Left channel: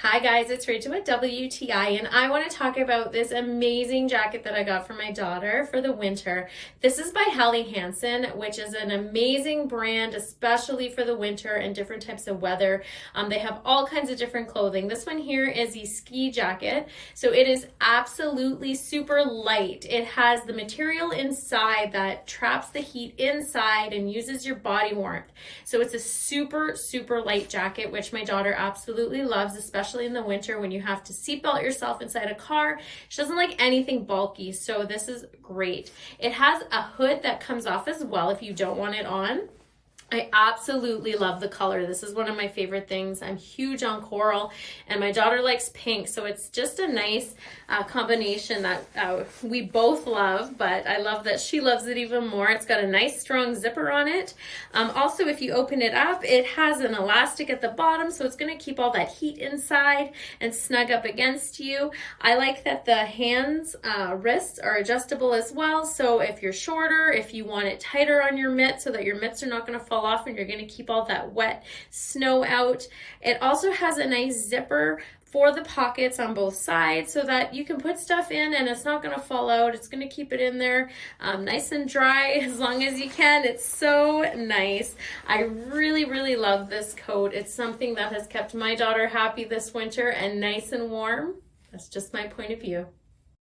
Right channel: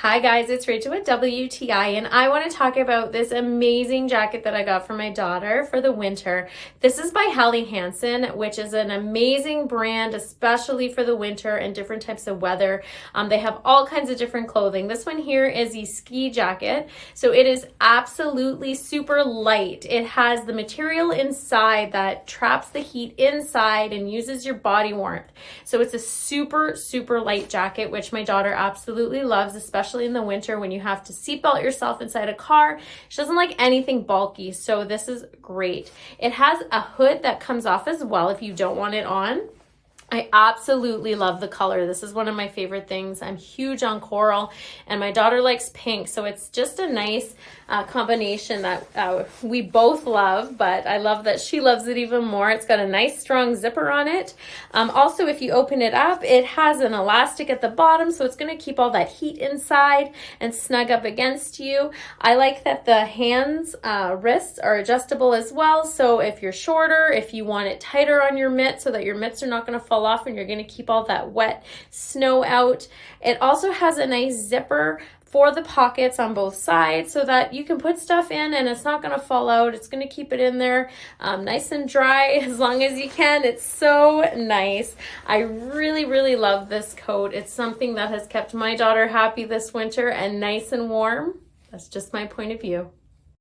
Hi guys, it's Rachel with WTI, and I want to talk about this amazing jacket that I got for my daughter for the winter. This is by Helly-Hansen, which is an amazing brand, especially for the winter and different types of weather. They have all kinds of different clothing. This one here is a ski jacket, so it is absolutely super light. It has the material inside that traps the heat inside and uses your body warmth. So it's a super light jacket, which my daughter absolutely loves, especially in the winter when you have to seatbelt yourself inside a car. She doesn't like anything bulky, so this is great. It has a hood that comes off as well if you don't want it on. I absolutely love the color. This is one of my favorite things. I'm huge on coral and my daughter likes pink, so it's just a nice combination that we both love, but I love that she loves it even more. It's got a nice strong zipper on it. Also, if you open it up, it has an elastic at the bottom, so it's going to keep all that heat inside and snug up against you. I like that the hands, wrists are adjustable as well, so if you're shorter, if you want it tighter on your mitt so that your mitts are not going to fall off and you're going to keep all that wet snow out. It also has a nice zipper for the pockets on both sides so that you can put stuff in and it's not going to fall out. It's going to keep it in there nice and dry as long as you can. It's so nice. I really love this coat. It's something that has kept my daughter happy this winter and nice and warm. That's just my point of view.